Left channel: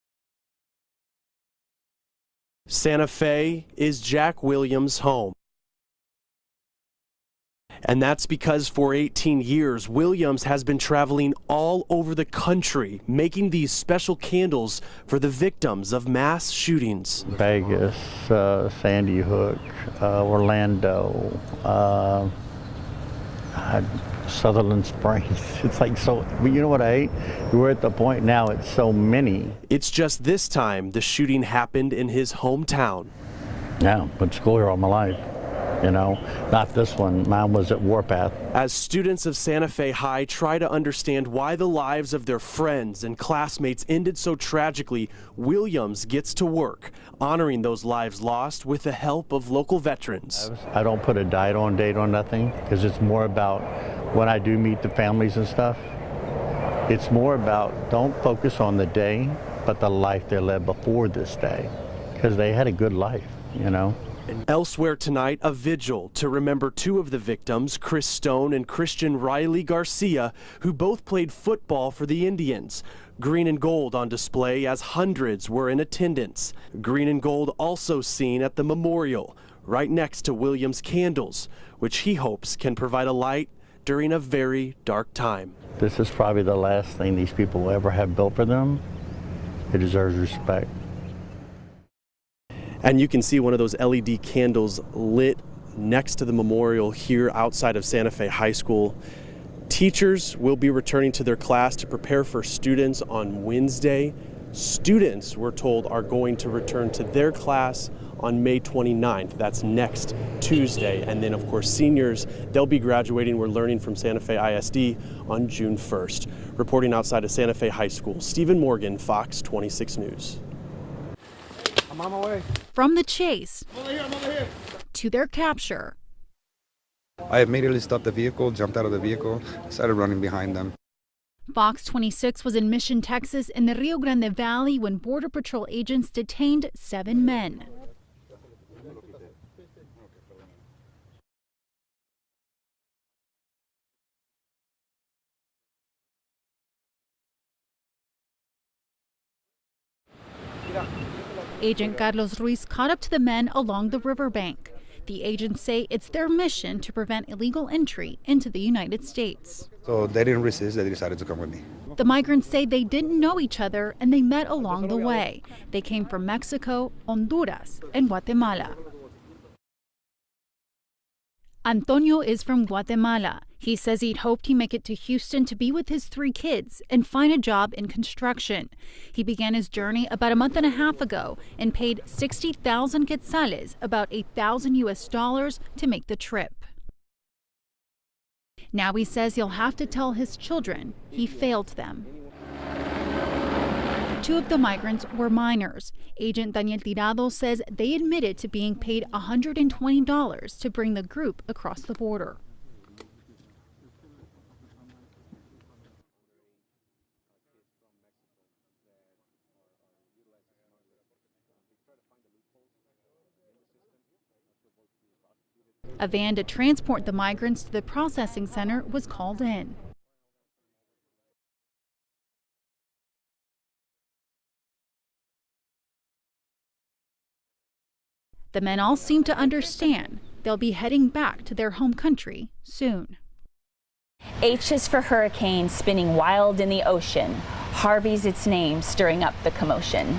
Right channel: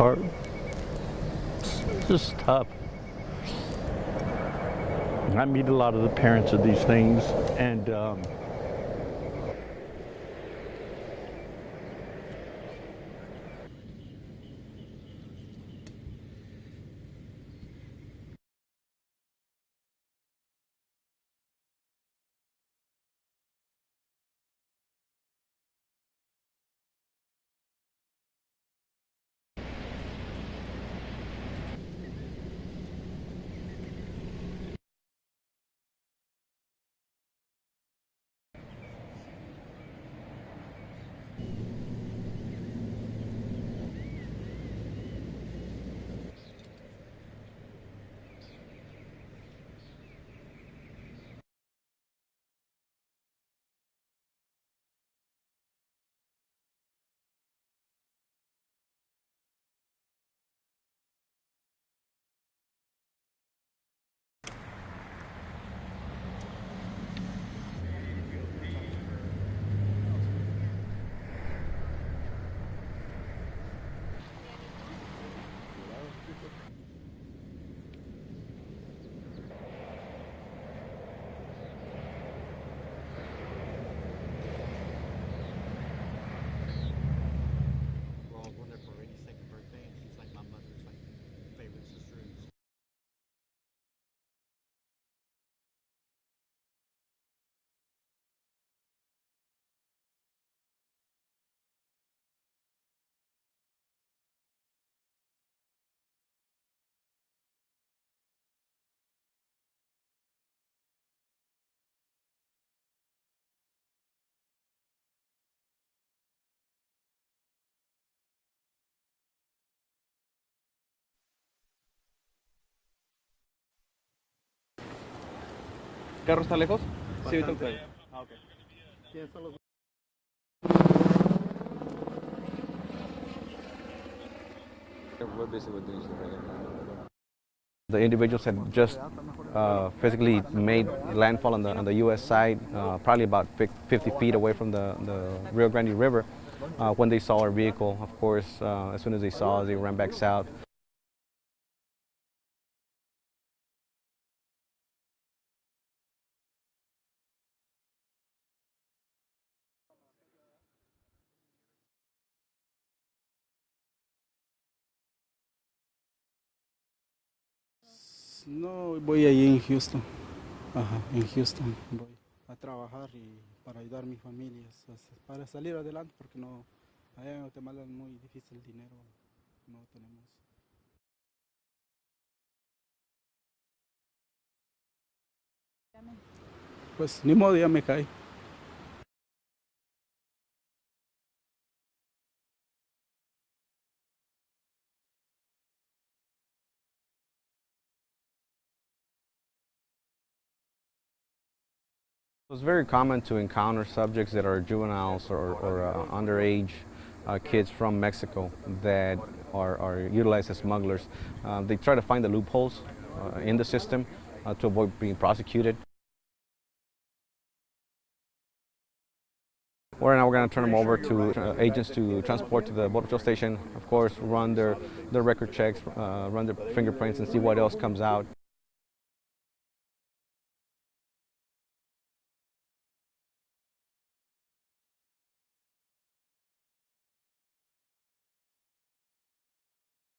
hard. It's just tough. Santa Fe is Jack Williams' home. I meet a lot of the parents of these things. And that's because for 18 years, Williams has been traveling all over the country, making these special candles for the victims of mass shootings. Vegas, Sandy Hook, Orlando, Sutherland Springs. It's like so, you know what I hate? We're at the point now, it's so many. It's just this time the shooting happened in his hometown. Yeah, went to school here all my life, you know. Not this one, mine was at Warpath. As students of Santa Fe High try to understand why the lives of their friends and classmates ended so tragically, Williams gets to work, honoring those lives lost with the help of local veterans. I don't put a date on nothing, because it's more about when I do meet the families and stuff, it's more about don't focus on the day, but the life they led before this day, because they had a good life, you know. And elsewhere tonight, a vigil to remember two of the victims, Chris Stone and Christian Riley Garcia, who both played football for the Indians. Green and gold on display as hundreds were in attendance. Green and gold also seen at the memorial, right next to Williams' candles, which he hopes can provide a light during a very dark time. This is probably the last thing these people will ever have built for them. It deserves respect. And you can see one of those LED candles lit next to the memorial here outside of Santa Fe High School. Teachers will be returning to their class to prepare for students on Wednesday. Students, we're told, are going to return to their class on May 29th. That's next Tuesday. And then, of course, seniors, they'll be graduating. We're learning from Santa Fe ISD on June 1st. Reporting outside of Santa Fe High School, Stephen Morgan, Fox 26 News. I'm on my way. From the chase I'm over here. to their capture. ¿Carro está lejos? I immediately stopped the vehicle, jumped out of the vehicle, started running behind them. Fox 26 was in Mission, Texas in the Rio Grande Valley when Border Patrol agents detained 7 men. The individuals had just physically made landfall on the U.S. side, probably about 50 feet away from the Rio Grande River. When they saw our vehicle, of course, as soon as they saw us, they ran back south. Agent Carlos Ruiz caught up to the men along the riverbank. The agents say it's their mission to prevent illegal entry into the United States. So they didn't resist, they decided to come with me. The migrants say they didn't know each other and they met along the way. They came from Mexico, Honduras, and Guatemala. Voy allí en Houston. In Houston. Antonio is from Guatemala. He says he'd hoped he'd make it to Houston to be with his 3 kids and find a job in construction. He began his journey about a month and a half ago and paid 60,000 quetzales, about $8,000 US, to make the trip. Pues ni modo, ya me caí. Now he says he'll have to tell his children he failed them. 2 of the migrants were minors. Agent Daniel Tirado says they admitted to being paid $120 to bring the group across the border. It's very common to encounter subjects that are juveniles or underage kids from Mexico that are utilized as smugglers. They try to find the loopholes in the system to avoid being prosecuted. A van to transport the migrants to the processing center was called in. Right now we're going to turn them over to agents to transport to the Border Patrol station. Of course, run their record checks, run their fingerprints, and see what else comes out. The men all seem to understand they'll be heading back to their home country soon. H is for hurricane spinning wild in the ocean. Harvey's its name, stirring up the commotion.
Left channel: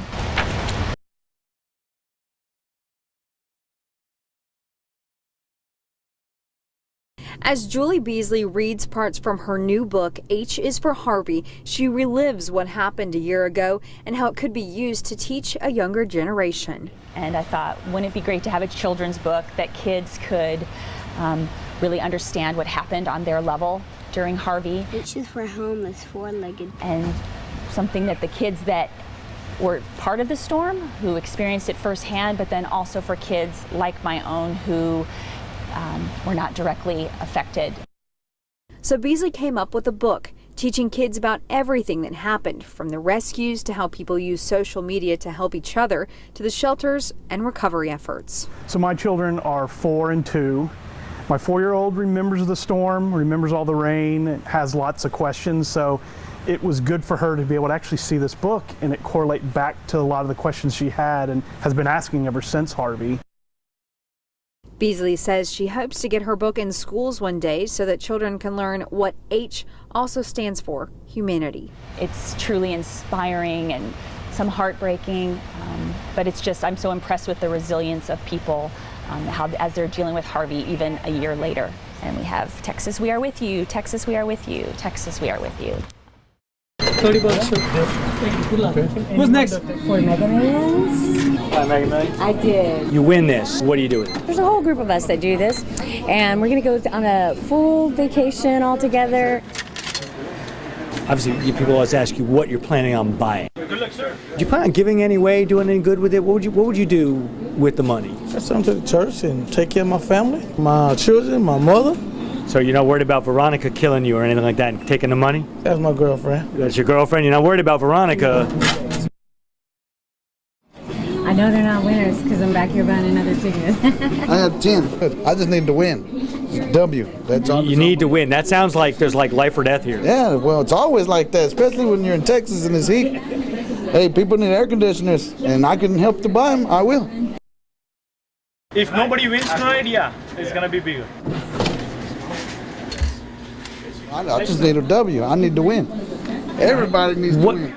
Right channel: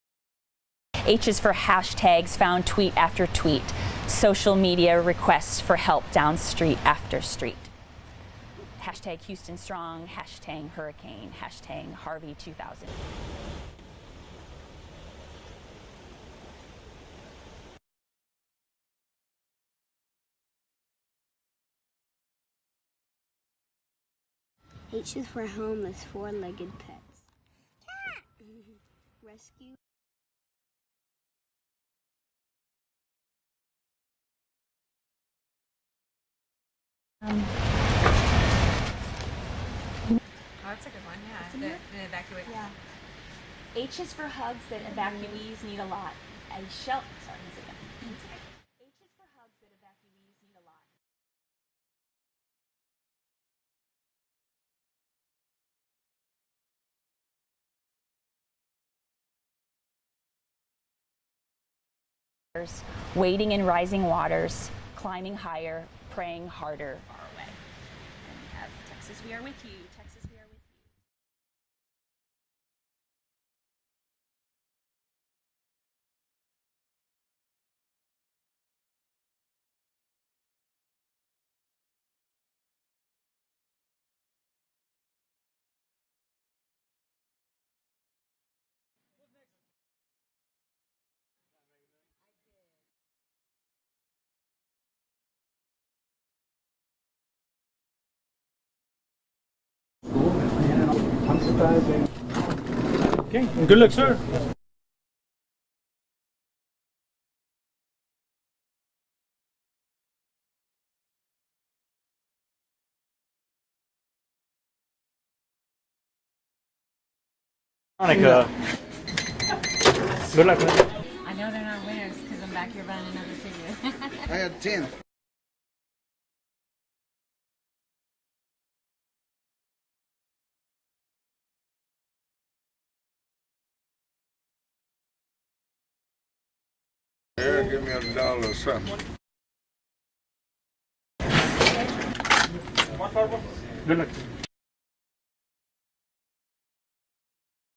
H is for hashtags found tweet after tweet. Social media requests for help down street after street. As Julie Beasley reads parts from her new book, H is for Harvey, she relives what happened a year ago and how it could be used to teach a younger generation. And I thought, wouldn't it be great to have a children's book that kids could really understand what happened on their level during Harvey? H is for homeless, 4-legged. And something that the kids that were part of the storm, who experienced it firsthand, but then also for kids like my own who were not directly affected. So Beasley came up with a book teaching kids about everything that happened, from the rescues to how people use social media to help each other, to the shelters and recovery efforts. So my children are 4 and 2. My 4-year-old remembers the storm, remembers all the rain, has lots of questions, so it was good for her to be able to actually see this book and it correlate back to a lot of the questions she had and has been asking ever since Harvey. Wading in rising waters. Beasley says she hopes to get her book in schools one day so that children can learn what H also stands for, humanity. It's truly inspiring and some heartbreaking, but it's just, I'm so impressed with the resilience of people as they're dealing with Harvey even a year later. And we have Texas, we are with you, Texas, we are with you, Texas, we are with you. 30 bucks. Thank you. Good luck. Who's next? For Mega Millions. Mega Millions? I did. You win this. What are you doing? There's a whole group of us that do this, and we're going to go on a full vacation all together. Obviously, people always ask you what you're planning on buying. Good luck, sir. Do you plan on giving any way, doing any good with it? What would you do with the money? I send them to the church and take care of my family, my children, my mother. So you're not worried about Veronica killing you or anything like that and taking the money? That's my girlfriend. That's your girlfriend? You're not worried about Veronica? Good luck, man. I know they're not winners because I'm back here buying another ticket. I had 10. I just need to win. W. That's all. You need to win. That sounds like there's like life or death here. Yeah, well, it's always like that, especially when you're in Texas and it's heat. Hey, people need air conditioners, and I can help to buy them. I will. Give me $1 or something. If nobody wins tonight, yeah, it's gonna be bigger. I just need a W. I need to win. Everybody needs to win.